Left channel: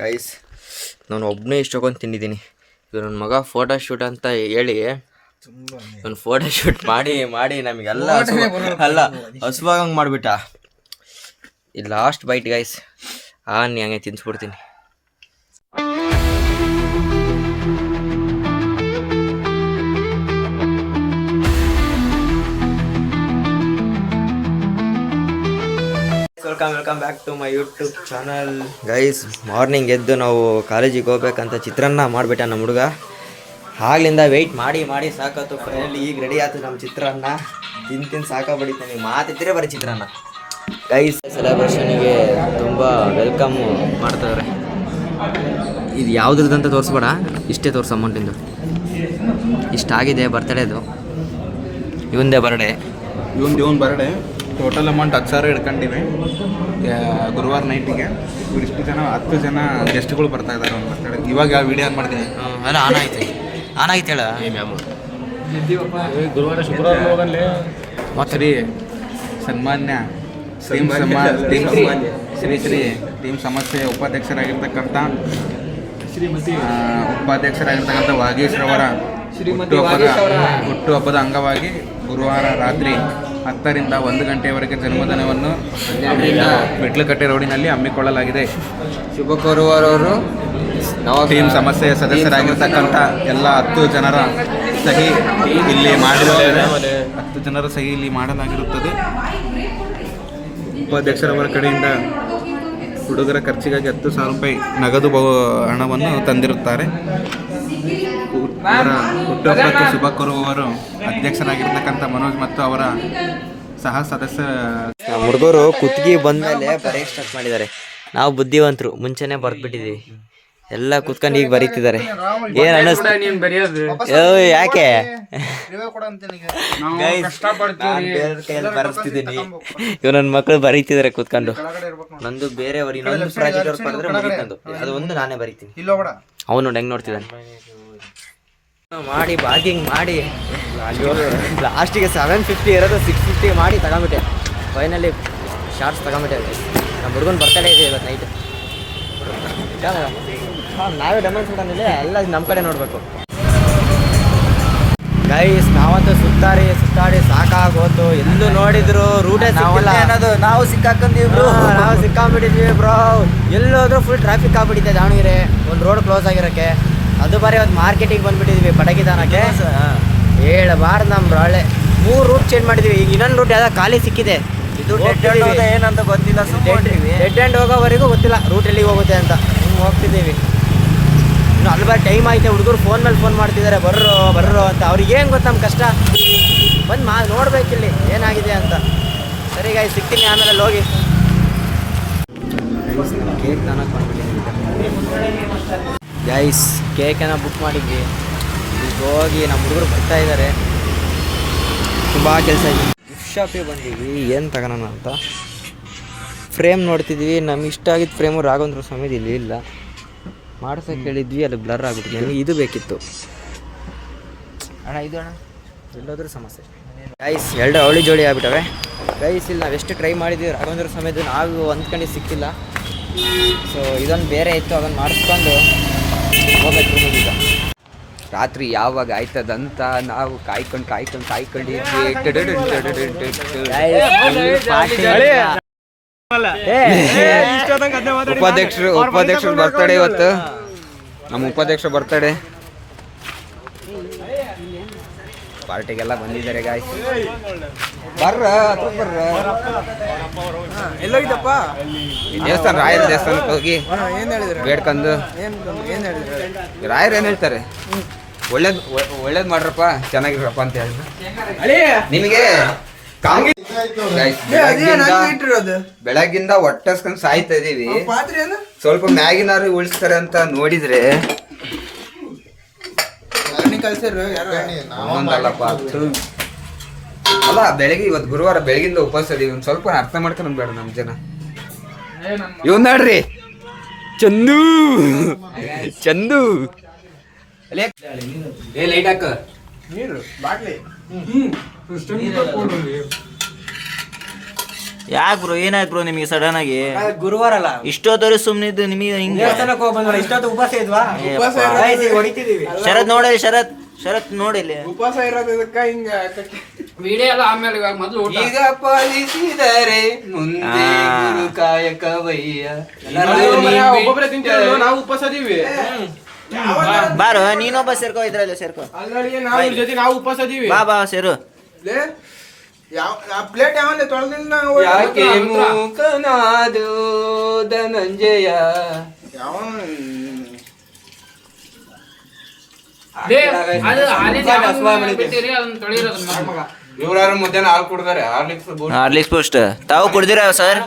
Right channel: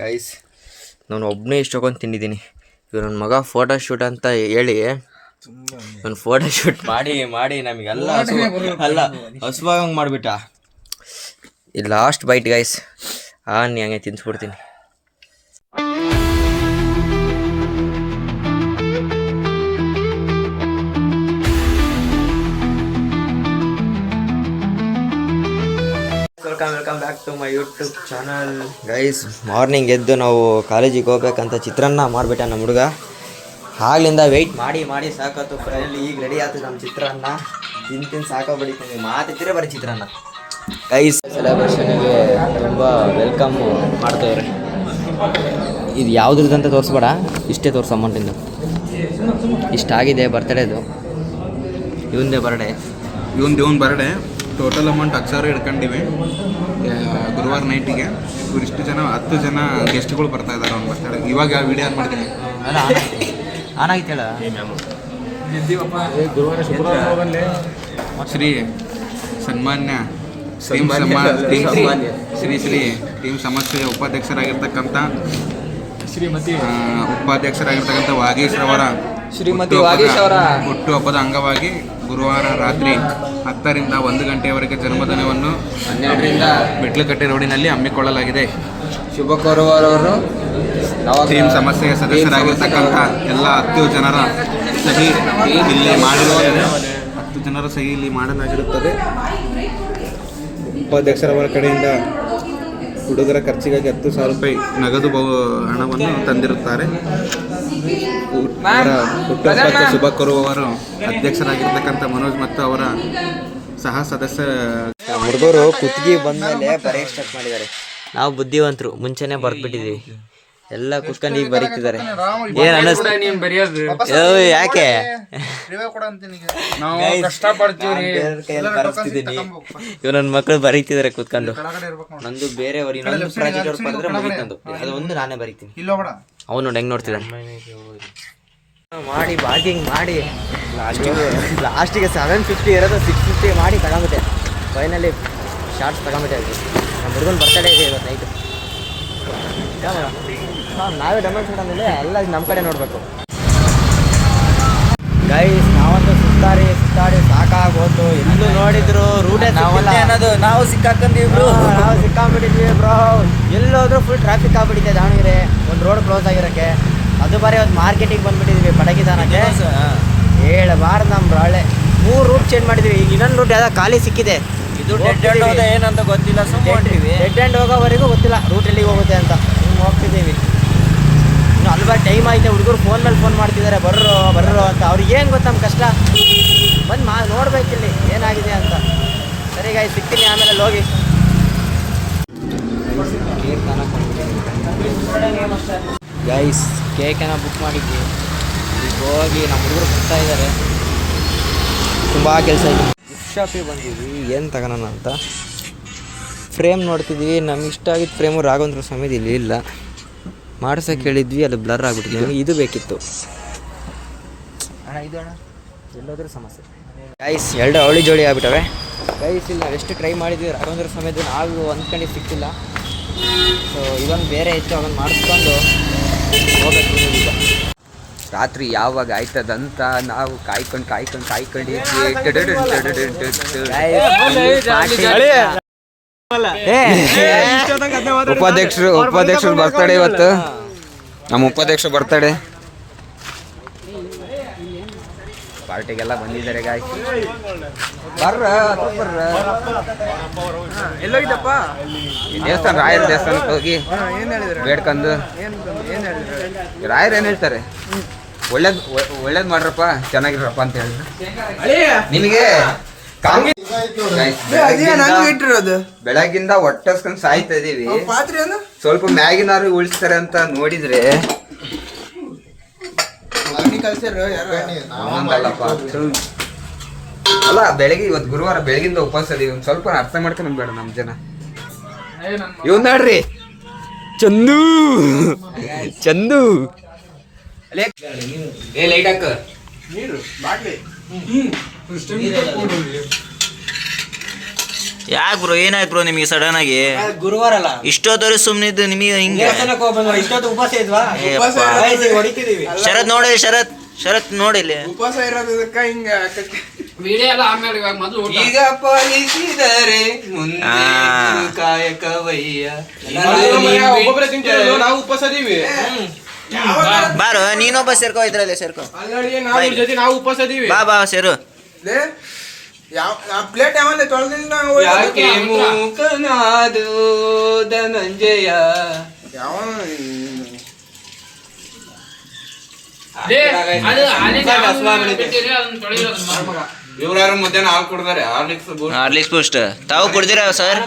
Guys ನಾನು ಒಬ್ಬನೇ ಇಷ್ಟೊಂದು ತಿಂದಿದ್ದೀನಿ. ಇದು ನನ್ನ ಮಗ ಫೋಟೋ ಶೂಟ್ ಅಂತ ಹೇಳಿ ನಾನು ಫೋಟೋ ಶೂಟ್ ಮಾಡಿ ನಮಗೆಲ್ಲ ಹಸುವಾಗಂಗೆ ಮಾಡಿಬಿಟ್ಟ. ಇದು ಲಾಸ್ಟ್ ಬೈಟ್ ಗೈಸ್. ಹಂಗೆ ತಿನ್ಸ್ಬಿಡ್ತೀನಿ. Welcome back to my YouTube channel guys. Morning ಎದ್ದು ನಾವು ಕಾಲೇಜಿಗೆ ಹೋಗ್ಬೇಕಂತ ಚಿತ್ರಾನ್ನ ಮಾಡಿಬಿಟ್ಟ ನಮ್ಮ ಹುಡುಗ. ಆಗ್ಲಿಂದ ವೆಯ್ಟ್ ಮಾಡಿ ಸಾಕತ್ತು. ಫೈನಲಿ ಈಗ ರೆಡಿ ಆಯ್ತು ನಮ್ಮ ಚಿತ್ರಾನ್ನ. ತಿಂದು ಸಾಕಾಗ್ಬಿಟ್ಟಿತ್ತು. ಮಾತಿದ್ರೆ ಬರೀ ಚಿತ್ರಾನ್ನ. ಗೈಸ್ ಸೆಲೆಬ್ರೇಷನಿಗೆ ತುಂಬ ವೆಲ್ಕಮ್ ಮಾಡ್ತವ್ರೆ. ಇದು ಯಾವುದ್ರದ್ದಂತ ತೋರಿಸ್ಬೇಡ, ಇಷ್ಟೇ ತೋರಿಸು ಅಮೌಂಟಿಂದು. ಇಷ್ಟಾಗಿದೆ ಬರ್ತಡೇದು. ಇವಂದೇ ಬರ್ಡೇ. ಇವನ್ ಬರ್ಡೇ. ಟೋಟಲ್ ಅಮೌಂಟ್ 10,000 ಇಟ್ಕೊಂಡಿವಿ ಗುರುವಾರ ನೈಟಿಗೆ. ಇಷ್ಟು ಜನ 10 ಜನ ಗೆಸ್ಟ್ಗಳು ಬರ್ತಾ ಇದ್ದಾರೆ ಅವ್ನು ಬರ್ತಡೇ. ಇವಾಗ ವಿಡಿಯೋ ಆನ್ ಮಾಡ್ತೀನಿ. ಶ್ರೀ ಸನ್ಮಾನ್ಯ ಟೀಮ್ ಸಮಸ್ಯೆ ಉಪಾಧ್ಯಕ್ಷರಾಗಿರ್ತಕ್ಕಂಥ ವಾಗೀಶ್ರವರ ಹುಟ್ಟುಹಬ್ಬದ ಅಂಗವಾಗಿ ಗುರುವಾರ ರಾತ್ರಿ 10ರಿಂದ 1 ಗಂಟೆಯವರೆಗೆ ಜನ್ಮದಿನವನ್ನು 12ರಿಂದ ಮೆಟ್ಲುಕಟ್ಟೆ ರೋಡಿನಲ್ಲಿ ಹಮ್ಮಿಕೊಳ್ಳಲಾಗಿದೆ. ಶುಭ ಕೋರುವವರು ಟೀಮ್ ಸಮಸ್ಯೆಯ ಸದಸ್ಯರಾಗಿರ್ತಕ್ಕಂಥ ಎಲ್ಲ 10 ಜನರ ಸಹಿ ಇಲ್ಲಿ ಮಾಡಲಾಗಿರುತ್ತದೆ. ಉಪಾಧ್ಯಕ್ಷರವರ ಕಡೆಯಿಂದ ಹುಡುಗರ ಖರ್ಚಿಗಾಗಿ 10,000 ರೂಪಾಯಿ ನಗದು ಹಣವನ್ನು ತಂದಿರುತ್ತಾರೆ. ಅವರ ಹುಟ್ಟುಹಬ್ಬಕ್ಕೆ ಶುಭ ಕೋರುವವರು ಅಧ್ಯಕ್ಷರಾಗಿರ್ತಕ್ಕಂಥ ಮನೋಜ್ ಮತ್ತು ಅವರ ಸಹ ಸದಸ್ಯ. ಹುಡುಗರು ಕುತ್ತಿಗೆ ಬಂದಮೇಲೆ ಬರೆಯಕ್ಕೆ ಸ್ಟಾರ್ಟ್ ಮಾಡಿದ್ದಾರೆ. ನಾವು ಬುದ್ಧಿವಂತರು ಮುಂಚೆನೇ ಬರ್ದ್ಬಿಟ್ಟಿದ್ದೀವಿ. ಎಲ್ಲ ಕುತ್ಕೊಂಡು ಈಗ ಬರೀತಿದ್ದಾರೆ. ಏನು ಅನ್ನಿಸ್ತು? ಯಾಕೆ ಬರೆಸ್ತಿದ್ದೀನಿ. ಇವ್ ನನ್ನ ಮಕ್ಕಳು ಬರೀತಿದ್ದಾರೆ ಕೂತ್ಕೊಂಡು. ನಂದು ಬೇರೆಯವರು ಇನ್ನೊಂದು ಪ್ರಾಜೆಕ್ಟ್ ಅವ್ರು ಬರೆದ್ರೆ ಮುಗಿತಂದು ಅದು ಒಂದು ನಾನೇ ಬರೀತೀನಿ. ಅವನು ನೋಡಿ ಹೆಂಗೆ ನೋಡ್ತಿದ್ದಾನೆ. ಮಾಡಿ ಬಾಗಿಂಗ್ ಮಾಡಿ ಲಾಸ್ಟಿಗೆ 750 ಇರೋದು 650 ಮಾಡಿ ತಗೊಂಬಿಟ್ಟೆ. Finally shorts ತಗೊಂಬಿಟ್ಟೆ. ನಮ್ಮ ಹುಡುಗನ ಬರ್ತಡೇ ಇದೆ ಇವತ್ತು ನೈಟು. ನಾವೇ ಡೆಮಾನ್ಸ್ಟ್ರೇಟ್ ಅಂದಿಲ್ಲ, ಎಲ್ಲ ನಮ್ಮ ಕಡೆ ನೋಡಬೇಕು. ಗೈಸ್ ನಾವಂತೂ ಸುತ್ತಾಡಿ ಸಾಕಾಗೋತು. ಎಲ್ಲೂ ನೋಡಿದ್ರು ರೂಟೇ ಅನ್ನೋದು. ನಾವು ಸಿಕ್ಕಾಕೊಂಡಿದ್ವಿ ಬ್ರೋ. ಎಲ್ಲೋದ್ರೂ ಫುಲ್ ಟ್ರಾಫಿಕ್ ಆಗ್ಬಿಟ್ಟಿದೆ ದಾವಣಗೆರೆ. ಒಂದು ರೋಡ್ ಕ್ಲೋಸ್ ಆಗಿರೋಕ್ಕೆ. ಅದು ಬಾರಿ ಒಂದು ಮಾರ್ಕೆಟಿಗೆ ಬಂದುಬಿಟ್ಟಿದ್ವಿ ಪಟಕಿದಾನಕ್ಕೆ. ಹೇಳಬಾರ್ದು ನಮ್ಮ ರಾಳೆ. 3 ರೂಟ್ ಚೇಂಜ್ ಮಾಡಿದ್ವಿ. ಈಗ ಇನ್ನೊಂದು ರೂಟ್ ಯಾವುದೋ ಖಾಲಿ ಸಿಕ್ಕಿದೆ. ಇದು ಏನಂತ ಗೊತ್ತಿಲ್ಲ. ಡೆಡ್ ಎಂಡ್ ಹೋಗೋವರೆಗೂ ಗೊತ್ತಿಲ್ಲ ರೂಟ್ ಎಲ್ಲಿಗೆ ಹೋಗುತ್ತೆ ಅಂತ. ಹೋಗ್ತಿದ್ದೀವಿ. ಇನ್ನು ಅಲ್ಲಿ ಬಾರಿ ಟೈಮ್ ಆಯ್ತು. ಹುಡುಗರು ಫೋನ್ ಮೇಲೆ ಫೋನ್ ಮಾಡ್ತಿದ್ದಾರೆ ಬರ್ರೋ ಅಂತ. ಅವ್ರಿಗೆ ಏನು ಗೊತ್ತು ನಮ್ಮ ಕಷ್ಟ. ಬಂದು ನೋಡ್ಬೇಕಿಲ್ಲಿ ಏನಾಗಿದೆ ಅಂತ. ಸರಿ ಗಾಯ್ ಸಿಗ್ತೀನಿ ಆಮೇಲೆ ಹೋಗಿ. ಕೇಕ್ ತಾನಕ್ಕೆ ಬಂದ್ಬಿಟ್ಟಿದ್ದೀನಿ ಗೈಸ್. ಕೇಕನ್ನು ಬುಕ್ ಮಾಡಿದ್ವಿ. ಈಗ ಹೋಗಿ ನಮ್ಮ ಹುಡುಗರು ಬರ್ತಾ ಇದ್ದಾರೆ. ತುಂಬ ಕೆಲಸ ಇದೆ. ಗಿಫ್ಟ್ ಶಾಪಿಗೆ ಬಂದಿದ್ವಿ. ಏನು ತಗೋಣ ಅಂತ ಫ್ರೇಮ್ ನೋಡ್ತಿದ್ವಿ. ನಮ್ಗೆ ಇಷ್ಟ ಆಗಿದ್ದು ಫ್ರೇಮು ರಾಘವೇಂದ್ರ ಸ್ವಾಮಿದು ಇಲ್ಲಿ ಇಲ್ಲ. ಮಾಡ್ಸೋಕೆ ಹೇಳಿದ್ವಿ, ಅದು ಬ್ಲರ್ ಆಗಿಬಿಟ್ಟಿದೆ. ನಮಗೆ ಇದು ಬೇಕಿತ್ತು ಇದು ಎಲ್ಲೋದ್ರೂ ಸಮಸ್ಯೆ. ಗೈಸ್ 2 ಅವಳಿ ಜೋಡಿ ಆಗ್ಬಿಟ್ಟವೆ. ಗೈಸ್ ಇಲ್ಲಿ ನಾವು ಎಷ್ಟು ಟ್ರೈ ಮಾಡಿದ್ವಿ ರಾಘವೇಂದ್ರ ಸ್ವಾಮಿದು, ನಾವು ಅಂದ್ಕೊಂಡು ಸಿಕ್ಕಿಲ್ಲ. ಸೊ ಇದೊಂದು ಬೇರೆ ಇತ್ತು, ಅದನ್ನು ಮಾಡಿಸ್ಕೊಂಡು ಹೋಗ್ಬೇಕು. ಈಗ ರಾತ್ರಿ ಯಾವಾಗ ಆಯ್ತದಂತ ನಾವು ಕಾಯ್ಕೊಂಡಿದ್ವಿ. ಉಪಾಧ್ಯಕ್ಷರು ಬರ್ತಡೇ ಇವತ್ತು. ನಮ್ಮ ಉಪಾಧ್ಯಕ್ಷರು ಬರ್ತಡೇ ಪಾರ್ಟಿಗೆಲ್ಲ ಬಂದಿದ್ದಾರೆ ಗಾಯ್ಸ್. ಎಲ್ಲೋಗಿದ್ದಪ್ಪ? ದೇವಸ್ಥಾನ, ರಾಯರ ದೇವಸ್ಥಾನಕ್ಕೆ ಹೋಗಿ ಬೇಡ್ಕೊಂಡು. ರಾಯರು ಏನು ಹೇಳ್ತಾರೆ? ಒಳ್ಳೇದು ಮಾಡ್ರಪ್ಪ, ಚೆನ್ನಾಗಿರಪ್ಪ ಅಂತ ಹೇಳಿದ್ರು. ನಿಮಗೆ ಬೆಳಗ್ಗಿಂದ ಹೊಟ್ಟೆಸ್ಕೊಂಡು ಸಾಯ್ತಾ ಇದೀವಿ. ಸ್ವಲ್ಪ ಮ್ಯಾಗಿನಾರು ಉಳಿಸ್ತಾರೆ ಅಂತ ನೋಡಿದ್ರೆ ಒಂದೊಂದಲ್ಲಪ್ಪ. ಅಲ್ಲ ಬೆಳಗ್ಗೆ ಇವತ್ತು ಗುರುವಾರ ಬೆಳಗಿಂದ ಉಪವಾಸ ಇದೀವಿ. ಒಂದು ಸ್ವಲ್ಪ ಅರ್ಥ ಮಾಡ್ಕೊಂಡು ಬೇಡ ನಮ್ಮ ಜನ. ಇವ್ ನೋಡ್ರಿ ಚಂದು ಲೈಟ್ ಹಾಕ. ಯಾಕೆ ಬ್ರೋ ಏನಾಯ್ತು ಬ್ರೋ ನಿಮಗೆ ಸಡನ್ ಆಗಿ ಗುರುವಾರ ಅಲ್ಲ, ಇಷ್ಟೊತ್ತವರೆ ಸುಮ್ಮನಿದ್ದು ನಿಮಗೆ ಹಿಂಗೆ ದೇವಸ್ಥಾನಕ್ಕೆ ಹೋಗಿ ಬಂದ್ವಲ್ಲ, ಇಷ್ಟೊತ್ತು ಉಪವಾಸ ಇದ್ವಾ? ಏಪ್ಪ. Guys, ಈಗ ಹೊಡಿತಿದೀವಿ. ಶರತ್ ನೋಡಿ ಶರತ್ ನೋಡಿ ಇಲ್ಲಿ ಉಪವಾಸ ಇರೋದಕ್ಕ ಹಿಂಗ ವಿಡಿಯೋ ಎಲ್ಲ ಆಮೇಲೆ ಇವಾಗ ಮೊದಲು ಊಟ. ಈಗ ಪಾಲಿಸಿದರೆ ಮುಂದೆ ಗುರು ಕಾಯಕವಯ್ಯ. ಒಬ್ಬೊಬ್ಬರೇ ತಿಂತಿರೋದು, ನಾವು ಉಪವಾಸ ಇದೀವಿ. ಬಾರೋ ನೀನೊಬ್ಬ ಸೇರ್ಕೋ, ಇದ್ರಲ್ಲಿ ಸೇರ್ಕೋ, ಅಲ್ಲಡಿಗೆ ನಾವು ಇವ್ರ ಜೊತೆ ನಾವು ಉಪವಾಸ ಇದೀವಿ. ಬಾ ಸೇರು. ಪ್ಲೇಟ್ ಯಾವಲ್ಲಿ ತೊಳೆದಿಲ್ಲ ನಾವು. ಯಾಕೆ ಮೂಕನಾದು ಧನಂಜಯ. ಯಾವ ಲೇ, ಅದು ಹಾಲಿನ ಹಸುವ ಬೆಳಿಗ್ಗೆ. ಬಿಟ್ಟಿರಿ, ಅದನ್ನ ತೊಳೆಯೋದು ಮಗ. ಇವ್ರಾರು ಮಧ್ಯಾಹ್ನ ಹಾಲು ಕುಡ್ದಾರೆ, ಹಾರ್ಲಿಕ್ಸ್ ಬೂಸ್ಟ್ ತಾವು ಕುಡ್ದಿರಾ ಸರ್?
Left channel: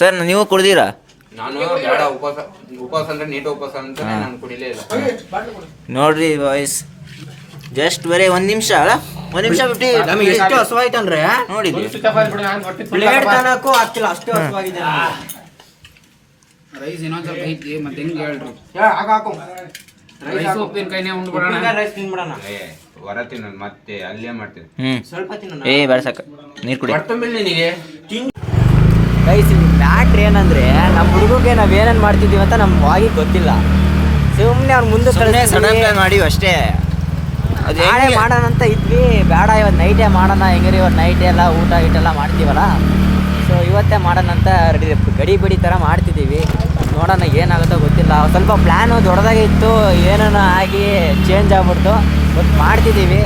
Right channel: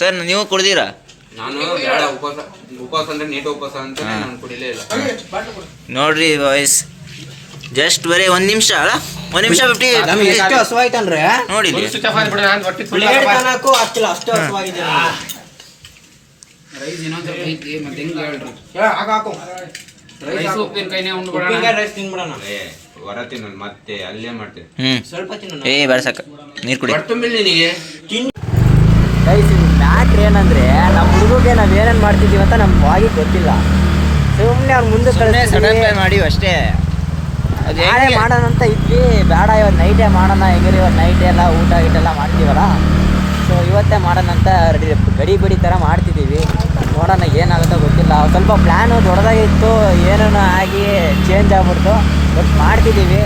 ಸರ್ ನೀವು ಕುಡ್ದಿರಾ? ನಾನು ಬೇಡ ಉಪವಾಸ ಅಂದ್ರೆ ನೀಟ್ ಉಪವಾಸ ಅಂತ ನಾನು ಕುಡಿಲೇ ಇಲ್ಲ. ನೋಡ್ರಿ ವಾಯ್ಸ್ ಜಸ್ಟ್ ಬರೀ ಒಂದ್ ನಿಮಿಷ 50 ನಮಗೆ ಎಷ್ಟು ಹಸುವಾಯ್ತಂದ್ರೆ ನೋಡಿದ್ರಿ. ಸ್ವಿಚ್ ಆಫ್ ಆಗ್ಬಿಡು, ನಾನು ಹೊಟ್ಟೆ ಫುಲ್ ಪ್ಲೇಟ್ ತನಕ್ಕೂ ಆಗ್ತಿಲ್ಲ, ಅಷ್ಟು ಹಸುವಾಗಿದೆ ನಮ್ಗೆ. ರೈಸ್ ಇನ್ನೊಂದ್ ಸ್ವಲ್ಪ ಐತಿ, ಮತ್ತೆ ಹೆಂಗ್ ಹೇಳ್ರಿ? ಹಾಕು ರೈಸ್ ಉಪ್ಪಿನಕಾಯಿನೇ ಉಂಡ್ಬಿಡೋಣ. ಉಪ್ಪಿನಕಾಯಿ ರೈಸ್ ತಿನ್ಬಿಡೋಣ. ಹೊರ ತಿನ್ನೋದು ಮತ್ತೆ ಅಲ್ಲೇ ಮಾಡ್ತೀನಿ. ಸ್ವಲ್ಪ ತಿನ್ನೋಣ. ಬೇಡ ಸಾಕ ನೀರ್ ಕುಡಿ. ಹೊಟ್ಟೆಂಬಿಲ್ ನಿನಗೆ ಗೈಸ್, ಮ್ಯಾಟ್ರ್ ಏನಂದ್ರೆ ನಮ್ಮ ಹುಡುಗಗೆ ನಾವ್ ಏನೇನ್ ಮಾಡ್ತಿದೀವಿ ಅಂತ ನಮ್ ವಾಗಿ ಗೊತ್ತಿಲ್ಲ. ಸುಮ್ನೆ ಅವ್ರ ಮುಂದೆ ಕಳಿಸ್ತೀವಿ. ಮಾಡಿ ಅಷ್ಟೇ. ನಾಳೆ ಮಾಡೋಣ ಅಂತ ಇದ್ವಿ, ಬೇಡ ಇವತ್ತು ನೈಟೇ ಮಾಡೋಣ, ಹೆಂಗ್ರಿ ಇವತ್ತು ನೈಟ್ ಎಲ್ಲ ಊಟ ಗೀಟೆಲ್ಲ ಮಾಡ್ತೀವಲ್ಲ, ಸೊ ಇವತ್ತೇ ಮಾಡೋಣ ಅಂತ ಗಡಿ ಬಿಡಿ ಥರ ಮಾಡ್ತಿದ್ದೀವಿ. ನೋಡೋಣ ಏನಾಗುತ್ತೋ ಗೊತ್ತಿಲ್ಲ. ಸ್ವಲ್ಪ ಪ್ಲ್ಯಾನು ದೊಡ್ಡದಾಗೆ ಇತ್ತು, ಏನೋ ಆಗಿ ಚೇಂಜ್ ಆಗ್ಬಿಡ್ತು. ಬಟ್ ಮಾಡ್ತಿದ್ದೀವಿ.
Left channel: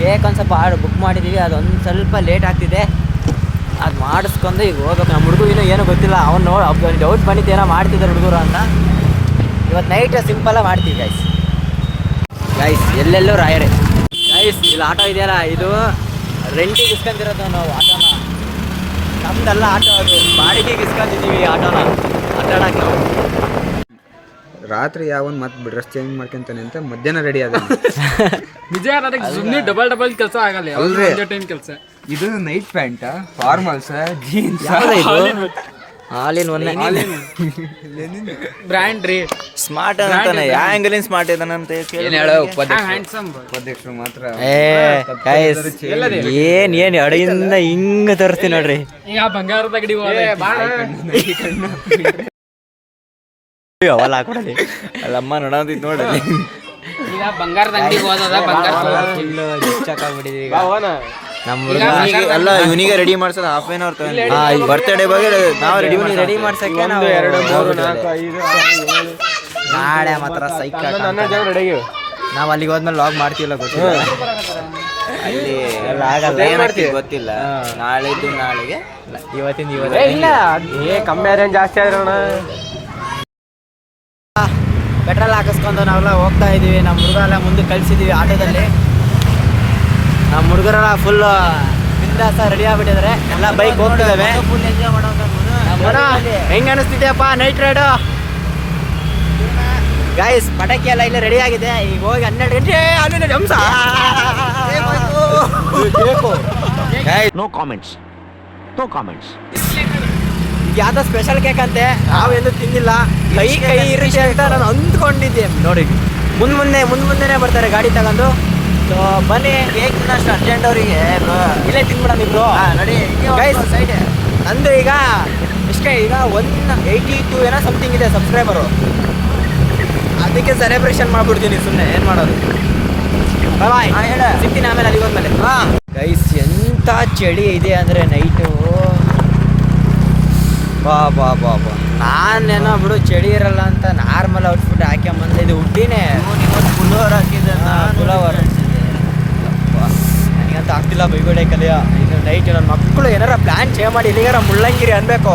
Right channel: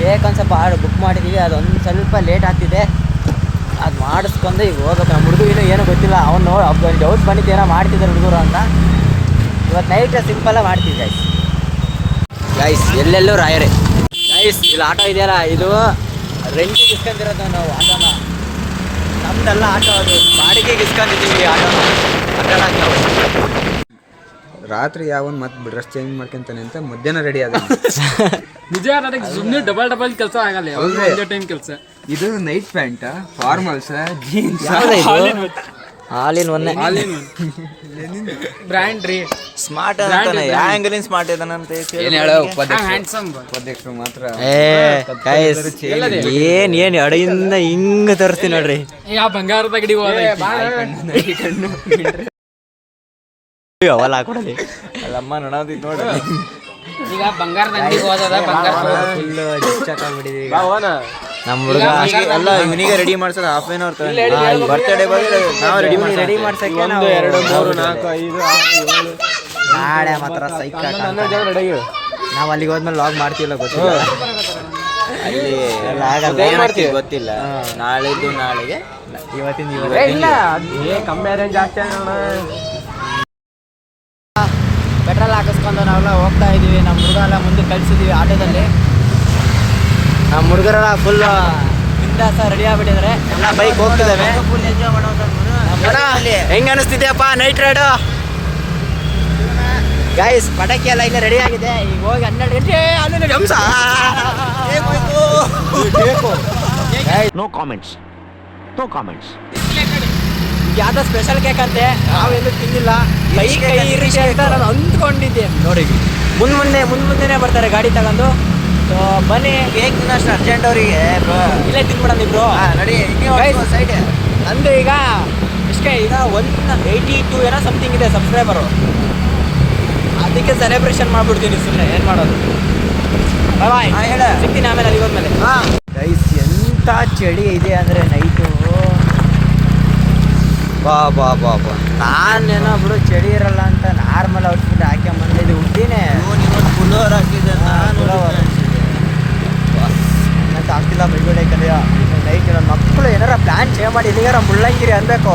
ಕೇಕ್ ಒಂದು ಸ್ವಲ್ಪ ಬುಕ್ ಮಾಡಿದ್ದೀವಿ, ಅದೊಂದು ಸ್ವಲ್ಪ ಲೇಟ್ ಆಗ್ತಿದೆ. ಅದು ಮಾಡಿಸ್ಕೊಂಡು ಈಗ ಹೋಗ್ಬೇಕು. ನಮ್ಮ ಹುಡುಗ ಏನೋ ಗೊತ್ತಿಲ್ಲ, ಅವ್ನು ಡೌಟ್ ಬಂದಿತ್ತು ಏನೋ ಮಾಡ್ತಿದ್ದಾರೆ ಹುಡುಗರು ಅಂತ. ಇವತ್ತು ನೈಟ್ ಸಿಂಪಲ್ಲಾಗಿ ಮಾಡ್ತೀವಿ ಗೈಸ್. ಎಲ್ಲೆಲ್ಲೂ ರಾಯರೇ ಗೈಸ್. ಇಲ್ಲಿ ಆಟೋ ಇದೆಯಲ್ಲ, ಇದು ರೆಂಟಿಗೆ ಇಸ್ಕೊಂಡಿರೋದು ನಾವು ಆಟೋನ. ನಮ್ದೆಲ್ಲ ಆಟೋ, ಅದು ಬಾಡಿಗೆಗೆ ಇಸ್ಕೊಂಡಿದ್ದೀವಿ ಆಟೋನ ಆಟಾಡಕ್ಕೆ. ರಾತ್ರಿ ಯಾವನ್ ಮತ್ತೆ ಡ್ರೆಸ್ ಚೇಂಜ್ ಮಾಡ್ಕೊಂತಾನೆ ಅಂತ ಮಧ್ಯಾಹ್ನ ರೆಡಿ ಆದ. ನಿಜ ನನಗೆ ಸುಮ್ಮನೆ ಡಬಲ್ ಕೆಲಸ ಆಗಲ್ಲ, ಯಾವ್ದು ಒಂದೇ ಟೈಮ್ ಕೆಲಸ. ಇದು ನೈಟ್ ಪ್ಯಾಂಟ್, ಫಾರ್ಮಲ್ಸ್, ಜೀನ್ಸ್. ಇದು ಆಲಿನ್ ಒನ್ನೆ ಬ್ರ್ಯಾಂಡ್ ರೀ, ಸ್ಮಾರ್ಟ್ ಅಂತಾನೆ, ಆಂಗಲಿನ್ ಸ್ಮಾರ್ಟ್ ಇದಾನಂತ ಹ್ಯಾಂಡ್ಸಮ್. ಉಪಾಧ್ಯಕ್ಷರು ಮಾತ್ರ ಗೈಸ್, ಏನ್ ಅಡಿಯಿಂದ ಹಿಂಗ ತರಿಸ್ತೀನಿ ನೋಡ್ರಿ. ಈಗ ಬಂಗಾರದ ಗಡಿ ಅವಲ್ಲ ಹಾಕೊಡಲಿ. ಅಲ್ಲಮ್ಮ ನೋಡೋದಿತ್ತು ನೋಡ್ರಿ. ಈಗ ಬಂಗಾರದ ಅಂಗಡಿಗೆ ಹೋದದ, ಬಂಗಾರ ಫುಲ್ ಡಿಸ್ಚಾಕಾಗ್ಬಿಟ್ಟಿದೀವಿ ನಮ್ಮ ಹುಡುಗ. ಎಲ್ಲ ಇವನಿಗೆ ರೆಡಿ ಮಾಡ್ಸೋದು ಹಾಫ್ ಆನ್ ಅವರ್ ಬರ್ತಡೇ ಬಗ್ಗೆ ನಾವು ರೆಡಿ ರೆಡಿ ಮಾಡ್ಸೋದು. ಮಾಡ್ಸಕ್ಕೆ 1 2 3 4 5 6 7 ನಾಳೆ ಮಾತ್ರ ಸೈಕ್. 12 ಜನ ರೆಡಿ ಆಗಿವೆ. ನಾವು ಅಲ್ಲಿಗೆ ಹೋದ್ಮೇಲೆ ಲಾಗ್ ಮಾಡ್ತೀವಲ್ಲ ಗೊತ್ತಿಲ್ಲ. ಅಲ್ಲಿ ಎಲ್ಲ ಆಗಲ್ಲ, ಏನಾಗ್ತಿದೆ ಗೊತ್ತಿಲ್ಲ. ನಾಳೆಗೆ ಇವತ್ತಿನ ಇಲ್ಲ ಕಮ್ಮಿ ರೇಂಜ್ ಜಾಸ್ತಿ ಆಗಿರೋಣ. ಪೆಟ್ರೋಲ್ ಹಾಕಿಸ್ಕೊಂಡು ನಾವೆಲ್ಲ ಹೋಗ್ತಾ ಇದೀವಿ. ನಮ್ಮ ಹುಡುಗ ಎಲ್ಲ ಮುಂದೆ ಕಳಿಸಿದೀವಿ ಆಟೋದಲ್ಲಿ. ನಮ್ಮ ಹುಡುಗರೆಲ್ಲ ಫುಲ್ ಬಿಂದಾಸ ರೆಡಿ ಆಗ್ಬಿಟ್ಟಿದ್ದಾರೆ. ಎಲ್ಲ ಬೈಕ್ ಹೋಗ್ತಿದ್ದಾವೆ. ಫುಲ್ ಎಂಜಾಯ್ ಹೆಂಗ ಅನಿಸ್ತಿದ್ಯಪ್ಪ ನೈಟ್ ರೈಡು? ಗೈಸ್, ಪಟಾಕಿ ಎಲ್ಲ ಇಲ್ಲೇ ರೆಡಿ ಆಗಿದೆ. ಈಗ ಹೋಗಿ 12 ಗಂಟೆ ಅಲ್ಲಿ ಹಂಸ. No comments. ಯಾವ್ದೋ ಸ್ಪೆಷಲ್ ಕೇಕ್ ಅಂತೆ, ನಾವು ಎಲ್ಲೂ ತಿಂದಿಲ್ಲ. ಬೈಕ್ ಕೈ ಇರುತ್ತೆ ಅಂತ ನಾನು ಅಂದ್ಕೊಂಡಿದ್ದೆ. ನೋಡಿ ಮುಂದೆ ಬರ್ತಾರೆ ಗಾಡಿ ತಗೊಂಡು. ಸೊ ಬನ್ನಿ, ಕೇಕ್ ಅಷ್ಟು ಅರ್ಜೆಂಟ್ ಅವರಿಗೆ ಇಲ್ಲೇ ತಿನ್ಬಿಡೋಣ ಇಬ್ರು. ನಡಿ. ಸೈಡ್ ನಂದು ಈಗ ಇಷ್ಟೇ, ಈಗ 182 ಏನೋ ಸಮಥಿಂಗ್ ಇದೆ ಸಬ್ಸ್ಕ್ರೈಬರು. ಅದಕ್ಕೆ ಸೆಲೆಬ್ರೇಷನ್ ಮಾಡ್ಬಿಡ್ತೀನಿ ಸುಮ್ಮನೆ, ಏನು ಮಾಡೋದು. ಬಾಯ್ ಸಿಗ್ತೀನಿ ಆಮೇಲೆ ಅಲ್ಲಿಗೆ ಹೋದ್ಮೇಲೆ. ಗೈಸ್, ಎಂಥ ಚಳಿ ಇದೆ ಅಂದರೆ ನೈಟು. ಬಾ ನಾನೇನೋ ಬಿಡು ಚಳಿ ಇರಲ್ಲ ಅಂತ ನಾರ್ಮಲ್ ಔಟ್ಫಿಟ್ ಹಾಕ್ಯಂಬಂದ್ರೆ ಇದು ಉಡ್ಡಿನೇ ಫುಲ್ಲೋರ್ ಹಾಕಿದ್ದೆ ಫುಲವರ್ ಹಂಗಂತ ಆಗ್ತಿಲ್ಲ. ಬೈಗೋಡೆ ಕಲಿಯ ನೈಟ್ ನನ್ನ ಮಕ್ಕಳು ಏನಾರ ಪ್ಲ್ಯಾನ್ ಚೇಂಜ್ ಮಾಡಿ ಇಲ್ಲಿಗಾರ ಮುಳ್ಳಂಗಿರಿ ಅನ್ಬೇಕು,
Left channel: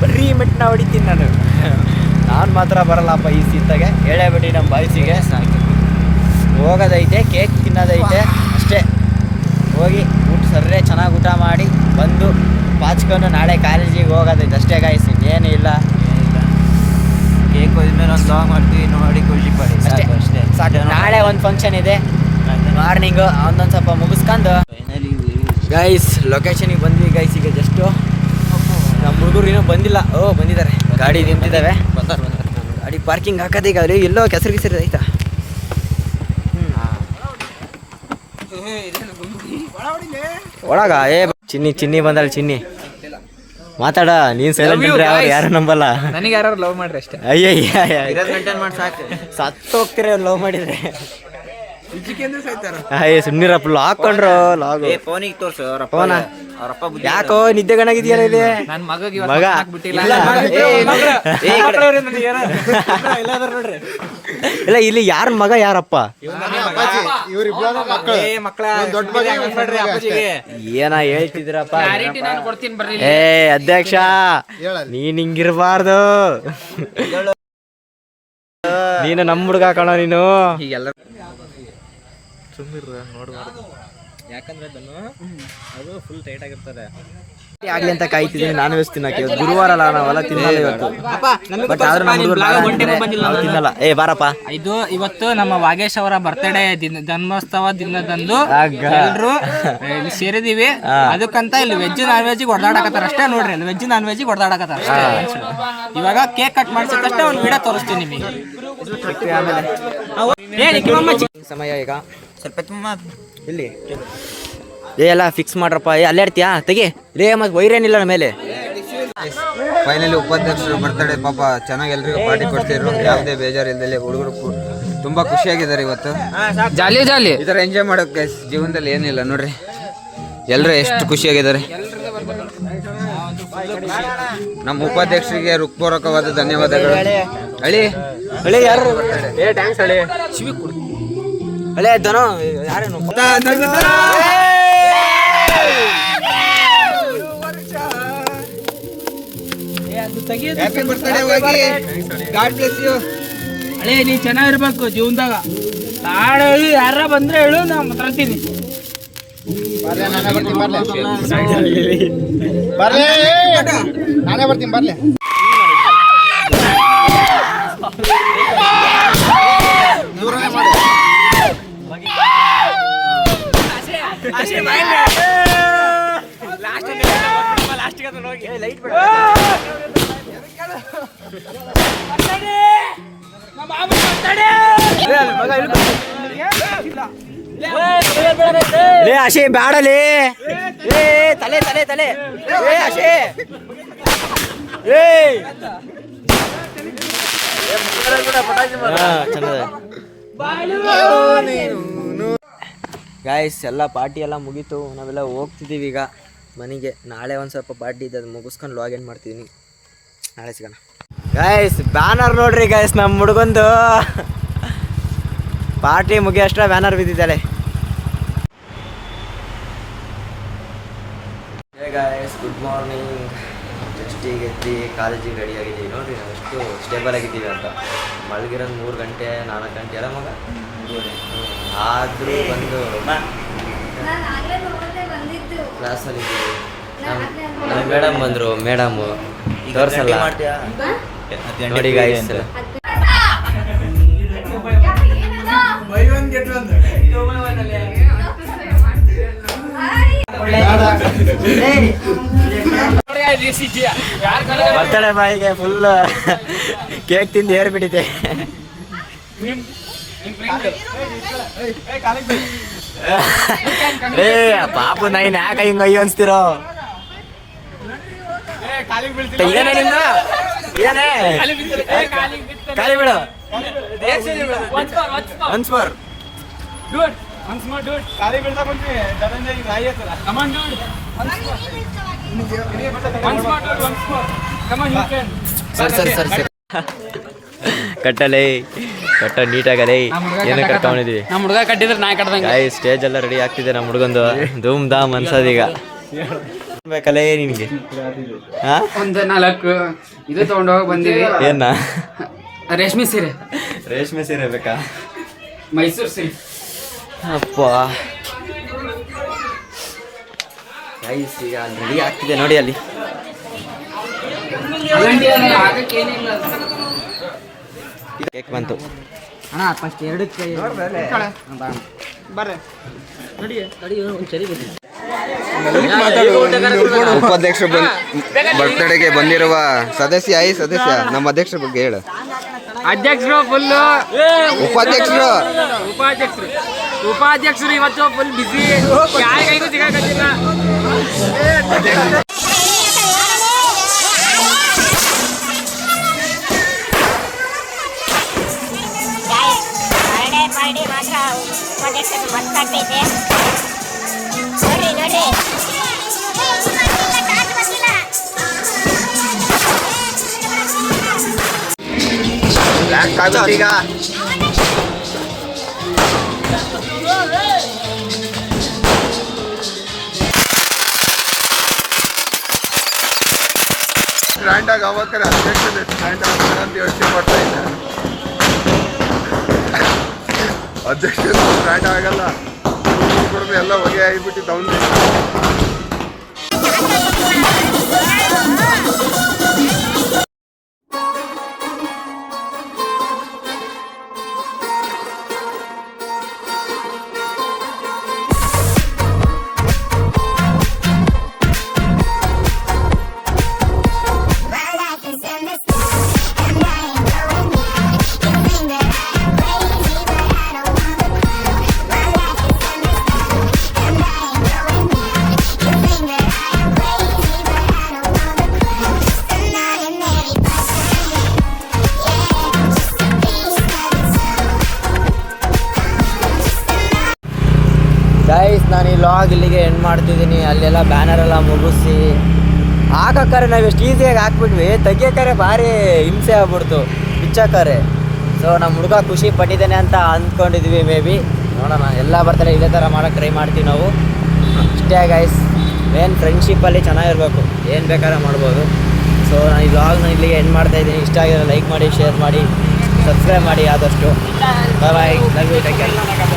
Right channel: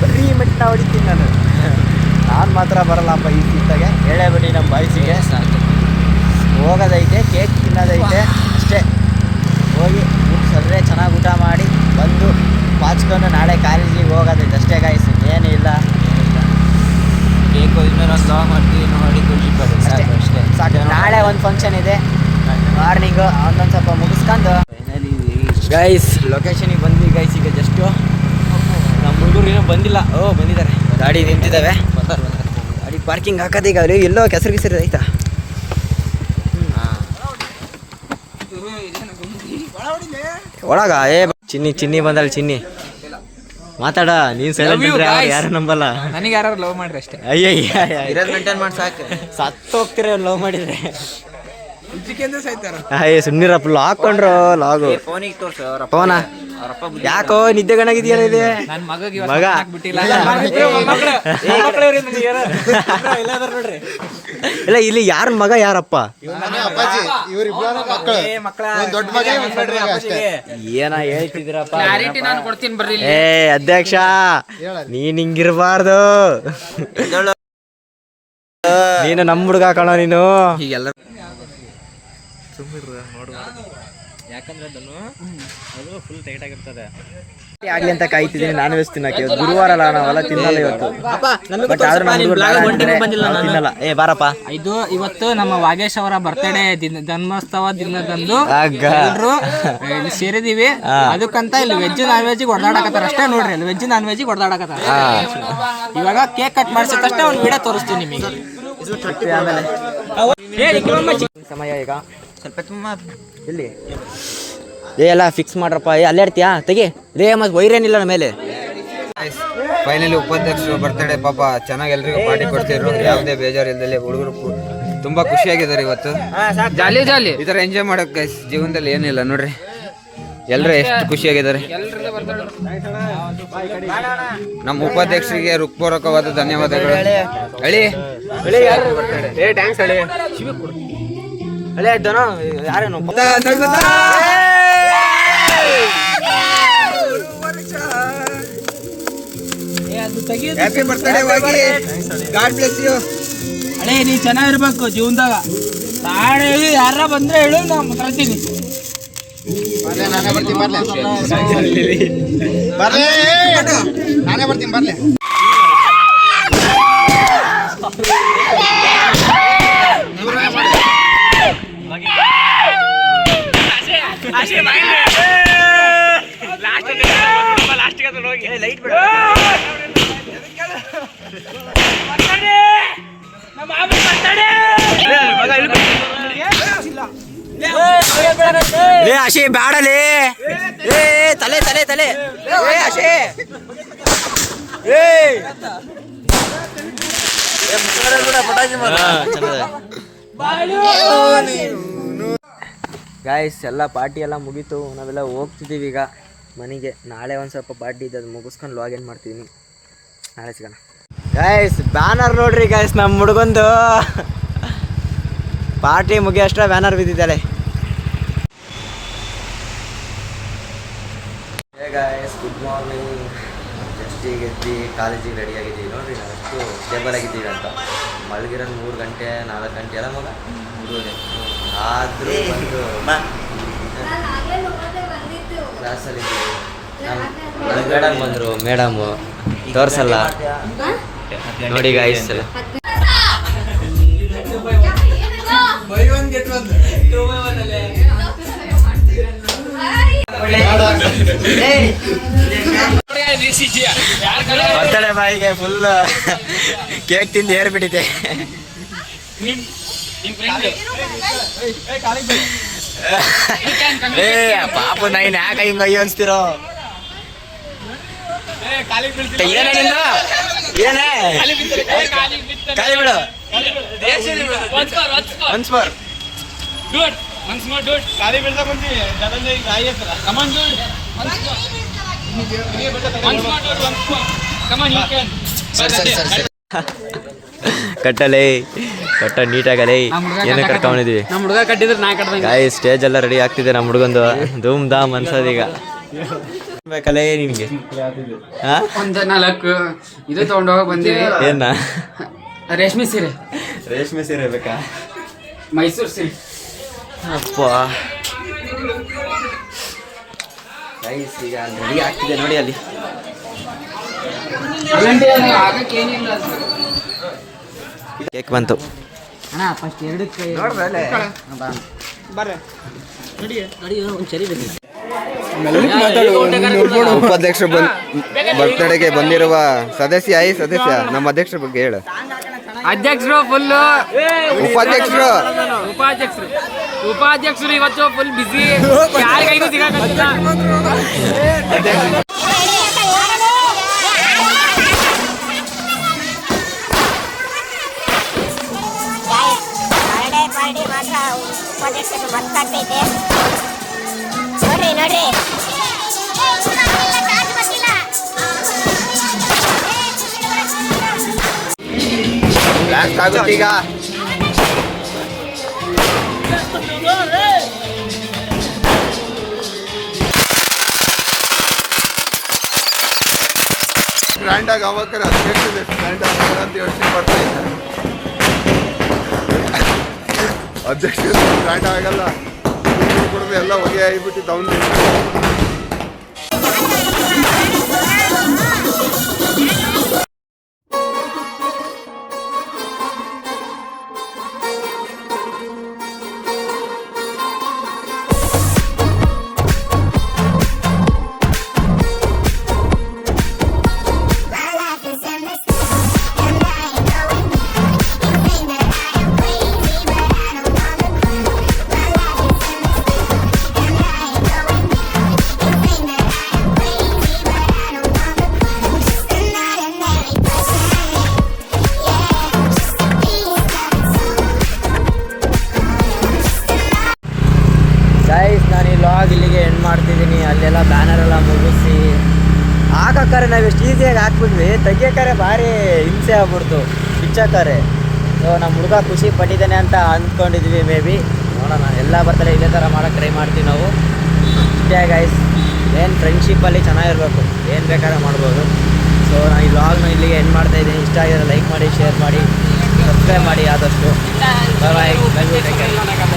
ಬರೀ ಮೆಟ್ಟಿನ ಹೊಡಿತೀನಿ ನಾನು ಮಾತ್ರ ಬರಲ್ಲಪ್ಪ ಈ ಸೀತಾಗೆ. ಹೇಳೇಬಿಟ್ಟು ನಮ್ಮ ಬಾಯ್ಸಿಗೆ ಹೋಗೋದೈತೆ, ಕೇಕ್ ತಿನ್ನೋದೈತೆ ಅಷ್ಟೇ. ಹೋಗಿ ಸರ್ರೆ ಚೆನ್ನಾಗಿ ಊಟ ಮಾಡಿ ಬಂದು ಪಾಚ್ಕೊಂಡು ನಾಳೆ ಕಾಲೇಜಿಗೆ ಹೋಗೋದೈತೆ ಅಷ್ಟೇ ಗಾಯ್ಸ್, ಏನೂ ಇಲ್ಲ. ಕೇಕ್ ಹೋದ್ಮೇಲೆ ಒಂದು ಲಾಗ್ ಮಾಡ್ತೀವಿ, ನೋಡಿ ಖುಷಿ ಪಡಿ ಅಷ್ಟೇ ಸಾಕು. ನಾಳೆ ಒಂದು ಫಂಕ್ಷನ್ ಇದೆ ಮಾರ್ನಿಂಗು, ಒಂದೊಂದು ಸ್ವಲ್ಪ ಮುಗಿಸ್ಕೊಂಡು ಗೈಸ್ ಲೊಕೇಶನಿಗೆ ಬಂದ್ವಿ ಗೈಸ್. ಈಗ ಜಸ್ಟು ನಮ್ಮ ಹುಡುಗರು ಇನ್ನೂ ಬಂದಿಲ್ಲ. ಬಂದಿದ್ದಾರೆ, ಗಾಡಿ ನಿಂತಿದ್ದಾವೆ. ಗಾಡಿ ಪಾರ್ಕಿಂಗ್ ಹಾಕೋದೀಗ ಅಲ್ಲಿ ಎಲ್ಲೋ ಕೆಸರು ಆಯ್ತಾ. ಒಳಗ ಚಿನ್ನಿ ಬಂದಳು ಚಿನ್ನಿ. ಮಾತಾಡ ನೀನ್ ಯಾರು ನಂಬಲ್ಲ. ನನಗೆ ಯಾರು ಲವ್ ಮಾಡ್ರಿ ಅಷ್ಟೇ. ಅಯ್ಯಯ್ಯ ಮೇಂಟೈನ್ ಮಾಡಿ ಸಾಕು. ಸತ್ತು ಹೋಗ್ತೀರ ಲವ್ ಮಾಡಿದ್ರೆ. ಸುಮ್ನಿರಪ್ಪ ಹಾಕೊಂಡ್ರು ಲಾಗು ಫೋನಿಗೆ ತೋರ್ಸು ಫೋನ. ಯಾಕೋ ನಿದ್ದೆ ಗಣಗಿದ್ಯಲ್ಲ ಇದೆ ನನ್ನ ಮಗ ಬಿಟ್ಟಿಲ್ಲ. ಇಲ್ಲ ಇಲ್ಲಿ ಯಾರ ಮಗ ಯಾರಪ್ಪ ಏನ ಹೇಳ್ತಿದ್ದೀರಪ್ಪ? ಏ ಅಧ್ಯಕ್ಷ ನೀನ್ ಹಿಂಗಿರ್ಬಾರ್ದು. ನೀನು ನಮ್ಮ ಹುಡುಗ ಕಣೋ ನೀನು. ಆಗ್ಲಿ ಅಂತ ಕಾಯ್ತಿದ್ದೀನಿ. ನಾನ್ ವೆಜ್ ತಿನ್ನಕ್ಕೆ ಇವತ್ತು ಗುರುವಾರ ಅಲ್ಲ, ನಾವೆಲ್ಲ ತಿನ್ನಲ್ಲ ಇವತ್ತು. ಬಟ್ ಆದ್ರೆ ನಮ್ಮ ಹುಡುಗರು ತಿನ್ನಲ್ಲ. ಏ ಬಾರಪ್ಪ. ಇವತ್ತು ನಮ್ಮ ವಾಗೇಶ್ ಅವರ ಬರ್ತ್ಡೇ ಜನ್ಮೋತ್ಸವ ದಿನದಂದು ಎಲ್ರು ಇಲ್ಲಿ ಸೇರಿದೀವಿ. ಅದಕ್ಕಂತ ಇಲ್ಲಿ ವೆಜ್ ನಾನ್ ವೆಜ್ ಹೊಡೆದಾಡಕತ್ತಾರ ಅಷ್ಟೇ. ನೋಡ್ರಿ ಅಲ್ಲಿ ವೆಜ್ ನಾನ್ ವೆಜ್ ಹೊಡೆದಾಡಕತ್ತಾರ. ಇವಾಗ ಕೇಕ್ ಕಟ್ ಮಾಡಿಸಿದಷ್ಟೇ ಒಂದು ವಿಡಿಯೋ ತೋರಿಸ್ತೀನಿ ನಿಮಗೆ. ಆಮೇಲೆ ಸಮಯ ಈಗ ಇಲ್ಲಿ ಏ ಎಲ್ಲ ಫಿಕ್ಸ್ ಮಾಡ್ರಪ್ಪ. ಏ ಅಲ್ಲೇ ಇರ್ತೀಯಾ ತೆಗಿ ರೇ. ಮತ್ತೆ ವೈರೇನಿಲ್ಲ ನಮ್ಮ ಮೇಲೆ. ಫೈನಲಿ ಉಪಾಧ್ಯಕ್ಷರು ಬರ್ತಡೇ ಪಾಪ ಚೆನ್ನಾಗಿ ಎಲ್ರಿಗೂ ಪಾರ್ಟಿ ಕೊಡ್ತಿದ್ರು. ಯಾವುದೇ ಬೇಜಾರು ಇಲ್ದಲೆ ಹುಡುಗರು ತುಂಬಾ ಖುಷಿಯಾಗಿದ್ದಾರೆ ಇವತ್ತು. ಜಾಲಿ ಜಾಲಿ ಈ ತರ ಎಂಜಾಯ್ ಮಾಡೋಕೆ ಜೀವನದಲ್ಲಿ ಏನಿಲ್ಲ ನೋಡ್ರಿ. ಎಲ್ಲರೂ ಎಷ್ಟು ಖುಷಿಯಾಗಿದ್ದಾರೆ. ನಮ್ಮ ಉಪಾಧ್ಯಕ್ಷರಿಗೆ ಹೃತ್ಪೂರ್ವಕವಾದ ಧನ್ಯವಾದಗಳು. ಅಳಿ ಏ ಥ್ಯಾಂಕ್ಸ್ ಅಳಿ. ಅಳೆ ಧನ ಯಾರೇನು ಅಳೆ ನೀ ಚೆನ್ನಾಗಿರ್ಬೇಕು ಜೀವನದಾಗ. ನಾಳೆ ಯಾರ ಬಂದ್ರೆ ಹೇಳು ನಾ ಮಾತಾಡ್ತೀನಿ. ನಾನೇ ಬರ್ತೀನಿ ಬರ್ಲಿ. ಲೇ ಆಶೆ ಬ್ಯಾಡಲೇ. ಏ ತಲೆ ತಲೆ ತಲೆ ಏ ಆಶೆ ಏ ಗಾಯ್ಸ್ ಎಲ್ಲ ಪಾರ್ಟಿ ಎಲ್ಲ ಮುಗೀತು. ನಾವೆಲ್ಲ ಹೋಗ್ತಿದ್ದೀವಿ ಈಗ ಮನೆಗೆ. ನಾಳೆ ಒಂದು ಸ್ವಲ್ಪ ಪಾರ್ಟಿ ಇದೆ, ಅದು ಮುಗಿಸ್ಕೊಂಡು ಲಾಗಿನ್ ಮಾಡ್ತಿದ್ದೀನಿ. ನಾಳೆ ಸಿಗೋಣ ಗಾಯ್ಸ್. ಬ್ಯಾನರ್ ನೋಡ್ರಿ ಗಾಯ್ಸ್, ನಮ್ಮ ಹುಡುಗಂದು ಪಾರ್ಟಿ ಮುಗಿಯೋಷ್ಟರ ಬ್ಯಾನರ್ ಬಿದ್ದಿದ್ದಾಳೆ. Hey guys, good morning. Just ಈಗ ಎದ್ದು ಕಾಲೇಜಿಗೆ ರೆಡಿ ಆಗಿದ್ದೀವಿ. ನೋಡ್ರಿ ನಾವು ಎಷ್ಟು ಸ್ಟೇಬಲ್ ಆಗಿದ್ದೀವಿ ಅಂತ. ಮಲಗಿರೋದು 3 ಗಂಟೆ 4 ಗಂಟೆ ಎಲ್ಲ ಮಗ. ಆದರೂ ಬಂದು ಕ್ಲಾಸಲ್ಲಿದ್ದೀವಿ. ನಮ್ಮ ಮೇಡಮ್ ಬಂದರು. ಮೇಡಮು ತೋರಿಸಲ್ಲ ನೋಡಿ ಗಾಯ್ಸ್ ಎಲ್ಲ. ಬರ್ತಡೆ ಬಾಯಿಗೆ ಫುಲ್ ಕೇಕ್ ತಿಂದು ಏರ್ಬಿಟ್ಟಿದೆ. ಏ ಪಾಪ ನೈನ್ ಯಾಕ ಹಿಂಗ ಅಯ್ಯೋ ಅನ್ಸ್ತಿರೋ? ಏನೇ ನಿಂದ ಏನೇ ಖಾಲಿ ಬಿಡು. ಒನ್ಸ್ ಮೋರ್ ಕಟ್ಟಲೇ ಕಟ್ಟ ನೀಟಾಗಲೇ. ಏನು ಕಟ್ಕೊಂಡಿದ್ವಿ ಗಾಯಿ. ಸ್ಟೇಜ್ ಎಲ್ಲ ರೆಡಿ ಆಗ್ತಿದೆ ನಮ್ಮ ಹುಡುಗಂದು. ಧೂಮ್ ಧಾಮ್ ಅನ್ಸೋದೀಗ. ಬೇಕಲ್ಲೇ ನಿನಗೆ? ಒಂದು 4 ಇದು ತಗೊಂಡೋಗಿ ಬಂದಿವಿ. ಏನ? ರೇಷ್ಮೆ ಸೀರೆ. ರೇಷ್ಮೆ ಸೀರೆ ಬೇಕಾ? ಮೈಸೂರು ಸಿಲ್ಕ್. ಅಪ್ಪ ಗೈಸ್ ಈಗ ಅಲ್ಲಿ ರೆಡಿ ಆಗ್ತಿದೆ ನೋಡಿ. ಅಲ್ಲಿ ಕೇಕ್ ಬಂತು ಅಣ್ಣ. ಫಸ್ಟ್ 2 ಕೈ ಉಪಾಧ್ಯಕ್ಷರು ಬರ್ತ್ಡೇಗೆ ಬಂದಿರುವ ಸದಸ್ಯ ನಮ್ಮ ಅಧ್ಯಕ್ಷರ ಬಗ್ಗೆ ಹೇಳು. ಅಧ್ಯಕ್ಷರು ಫುಲ್ ಉಪಾಧ್ಯಕ್ಷರು ಇವತ್ತು ಫುಲ್ ಬಿಸಿ. ಬರ್ಡೇ ಮಾತ್ರ ಉಪಾಧ್ಯಕ್ಷರು ಮಸ್ತಾಗ್ತೈತೆ ನೋಡ್ರಿ ನೋಡ್ರಿ. ಬ್ಲಾಸ್ಟ್ ಆಗುತ್ತೆ ಈಗ. ಗ್ರ್ಯಾಂಡಾಗಿ ಆಗ್ಬೇಕಾದ್ರೆ ಅಧ್ಯಕ್ಷರು ಗ್ರ್ಯಾಂಡ್ ಆಗ್ತಾರೆ ಅಂತ ಯೋಚನೆ ಮಾಡ್ತಾ ಇದ್ದಾರೆ. ಅಧ್ಯಕ್ಷರು ಗ್ರ್ಯಾಂಡ್ ಆಗಲ್ಲ, ಕೊಡದೆ ಎಲ್ಲ ಹೊಗೆ ಆಗಿಬಿಟ್ಟಿದ್ದು ಅವನು. ಗೈಸ್, ನಾನು ಈ ಲಾಗ್ ಇಲ್ಲಿಗೆ ಎಂಡ್ ಮಾಡ್ತಿದ್ದೀನಿ. ಅಲ್ಲೆಲ್ಲ ಬ್ಯಾನರ್ ಎಲ್ಲ ಮುಗಿಸಿ ಹಾಕಕ್ಕಾರೆ ನಾವು ಎಷ್ಟು ಈಸಿಯಾಗಿ ಹಾಕ್ಬಿಟ್ವಿ, ತೆಗಿಯೋಕ್ಕಾರೆ ಭಾರಿ ಹಿಂಸೆ ಆಗ್ಬಿಡ್ತು ಪಿಚ್ಚಕ್ಕಾರೆ. ಸೊ ನಮ್ಮ ಹುಡುಗ ಖುಷಿ ಪಟ್ಟಿದ್ದಾನೆ ಅಂತ ಅಂದ್ಕೊಂಡಿದ್ವಿ. ಮೇ ಬಿ ನೋಡೋಣ, ಎಲ್ಲ ಬರ್ತಾರೆ ಇದೇ ಥರ ಮಾಡೋಕ್ಕೆ ಟ್ರೈ ಮಾಡ್ತೀವಿ ನಾವು. ಇಷ್ಟೇ ಗೈಸ್, ಮೇನ್ ಫ್ರೆಂಡ್ಶಿಪ್ಪಲ್ಲಿ ಚೆನ್ನಾಗಿರ್ಬೇಕು, ಏನು ಬೇಕಾದ್ರೆ ಮಾಡ್ಬೋದು. ಸೊ ನಾನು ಈ ಲಾಗ್ನ ಇಲ್ಲಿಗೆ ಎಂಡ್ ಮಾಡ್ತಾಯಿದ್ದೀನಿ. ಇಷ್ಟ ಆಗಿರೋ ಲೈಕ್ ಮಾಡಿ, ಶೇರ್ ಮಾಡಿ, ಸಬ್ಸ್ಕ್ರೈಬ್ ಮಾಡಿ ಆದಷ್ಟು. ಬಾಯ್ ಬಾಯ್, ಲವ್ ಯು, ಟೇಕ್ ಕೇರ್.